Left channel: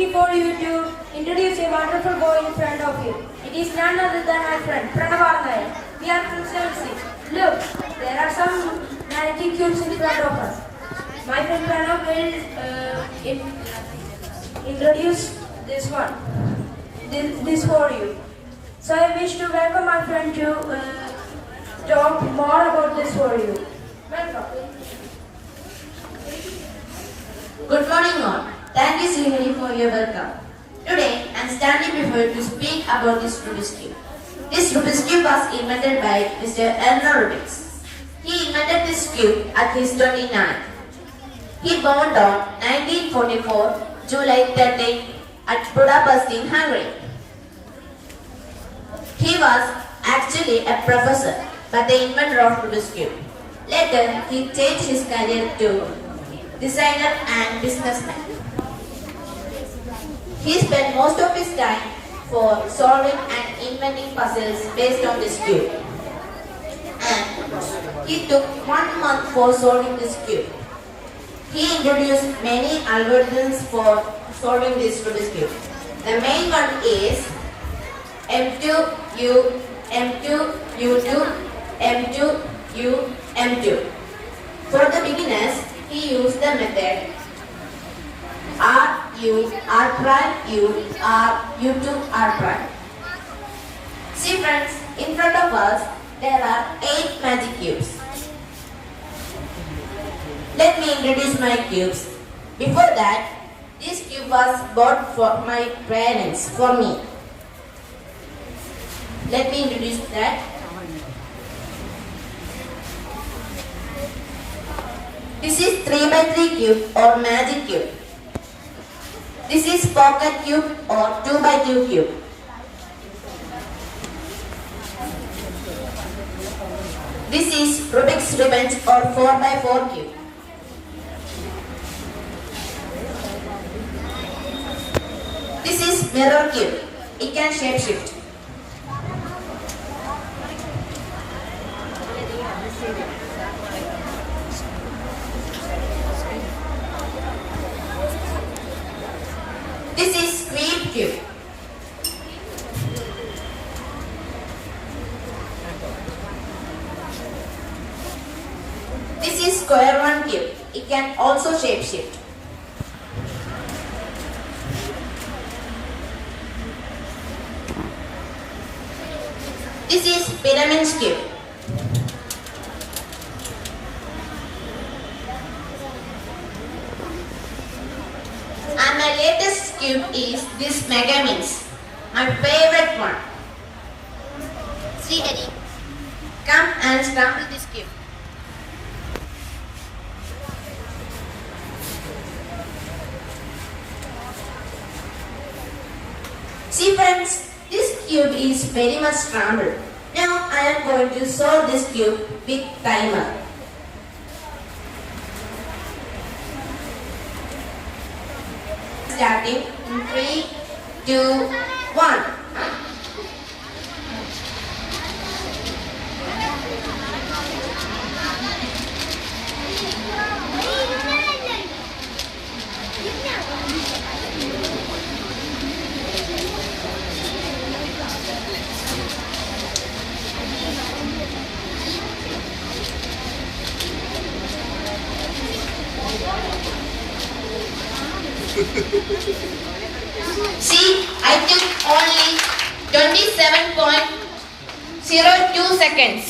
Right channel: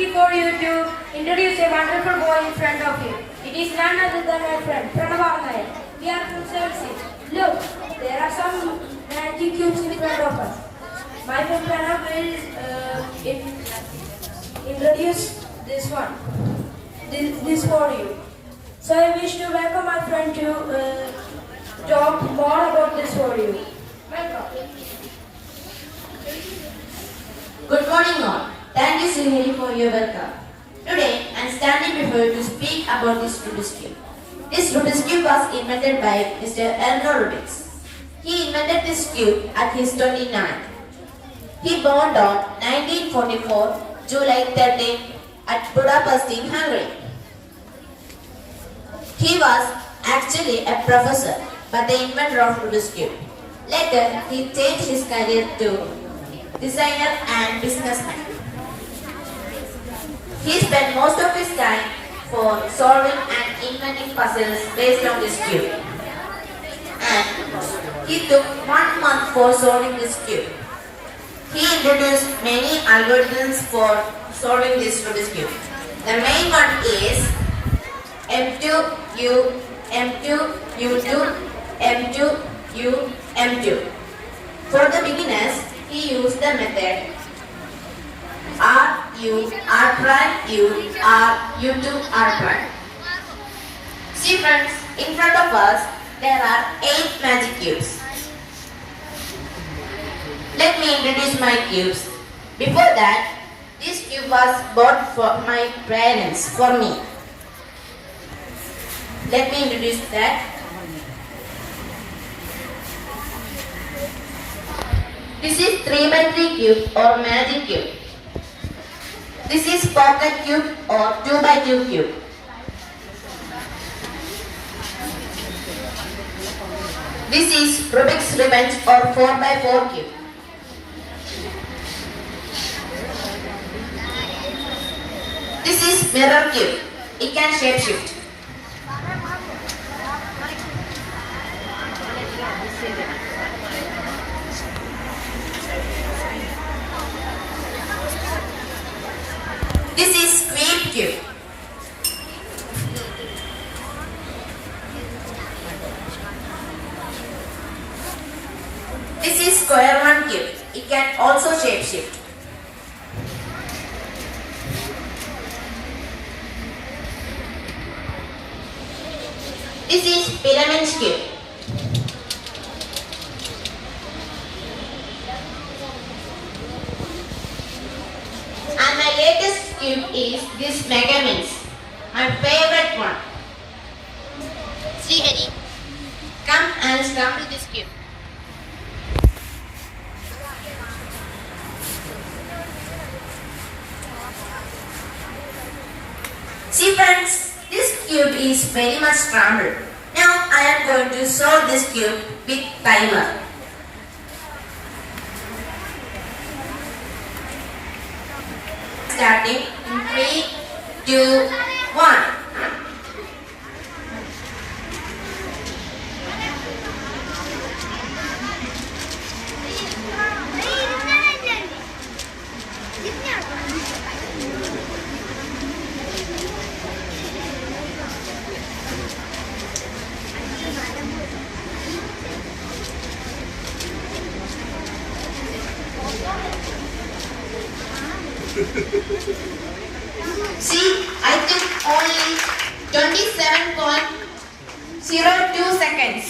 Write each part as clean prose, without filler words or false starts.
lucky for you to introduce a wonderful boy in front of you. It is none other than my friend Punnapra. We are from 7th. Look, there are some magic cubes in front of us. My friend Pranav will introduce this one. This for you. So I wish to welcome my friend to talk more about this for you. Welcome. Good morning all. Thank you Srinivas for your welcome. Today I am standing before you to speak about this Rubik's Cube. This Rubik's Cube was invented by Mr. Rubik. He invented this cube at his 29th. He born on 1944, July 13 at Budapest in Hungary. He was actually a professor, but the inventor of Rubik's Cube. Later, he changed his career to designer and businessman. He spent most of his time for solving and inventing puzzles based on this cube. And he took 1 month for solving this cube. He introduced many algorithms for solving this Rubik's Cube. The main one is M2U, M2, U2, M2, U, M2. For the beginners, he used the method R, U, R prime, U, R, U2, R prime. See friends, in front of us, there are 8 magic cubes. Let me introduce my cubes. Before that, this cube was bought for my parents, for me. Let me introduce that. This is 3x3 cube or magic cube. This is pocket cube or 2x2 cube. This is Rubik's Revenge or 4x4 cube. This is mirror cube. It can shapeshift. This is square cube. This is square one cube. It can also shapeshift. This is pyramid cube. And my latest cube is this Mega Mix, my favorite one. See Eddie, come and scramble this cube. See friends, this cube is very much scrambled. Now I am going to solve this cube with timer. Starting in 3, 2, 1. See, I took only 27.02 seconds.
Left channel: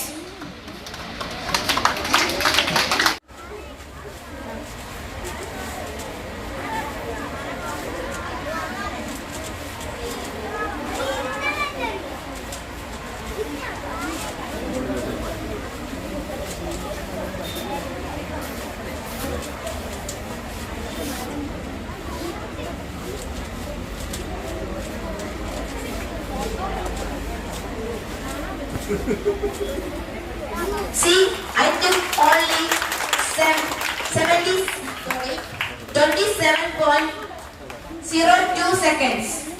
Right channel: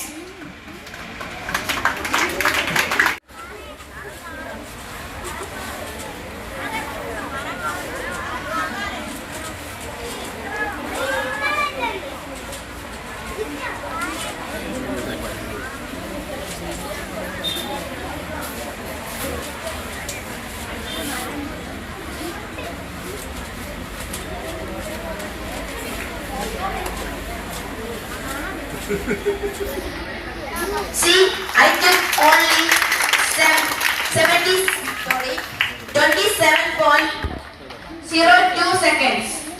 See, I took only 27.02 seconds.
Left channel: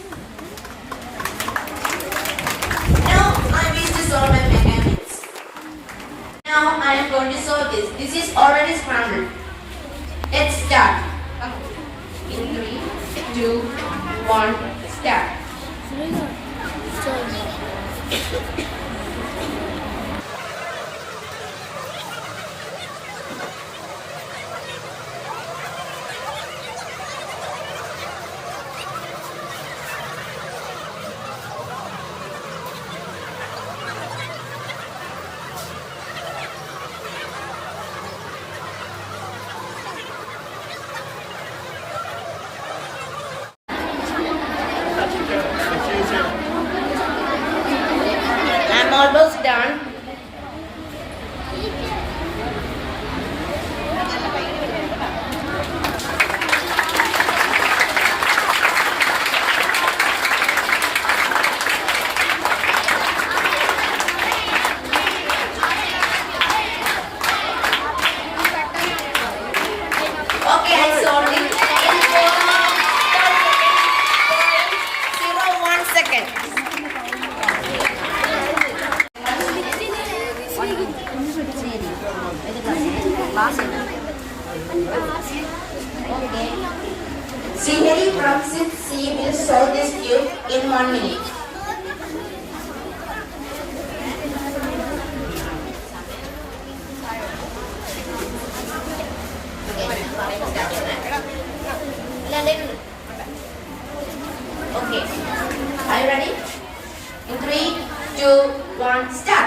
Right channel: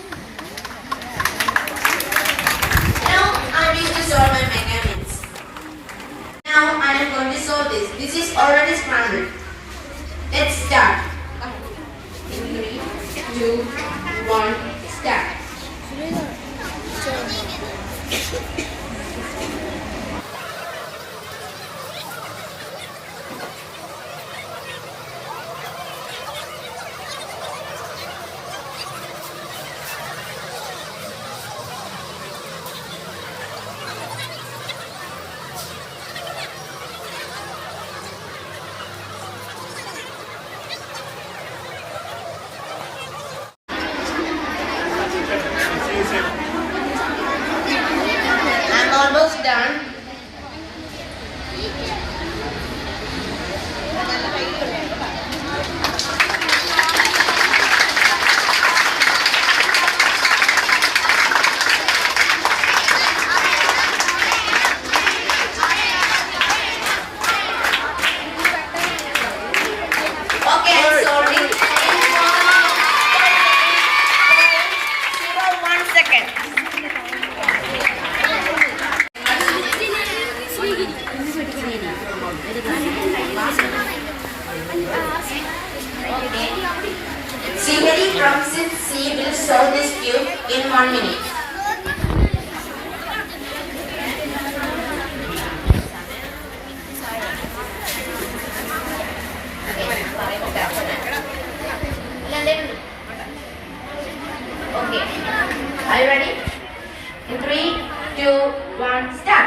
Now I wish to solve my mechanics. Now I am going to solve this. This is already scrambled. Let's start. Come on. In 3, 2, 1, start. I'm almost done. Okay, I'm sorting. 1 second. Okay. Scenery from 6C will solve this cube in 1 minute. Okay. Are you ready? In 3, 2, 1, start.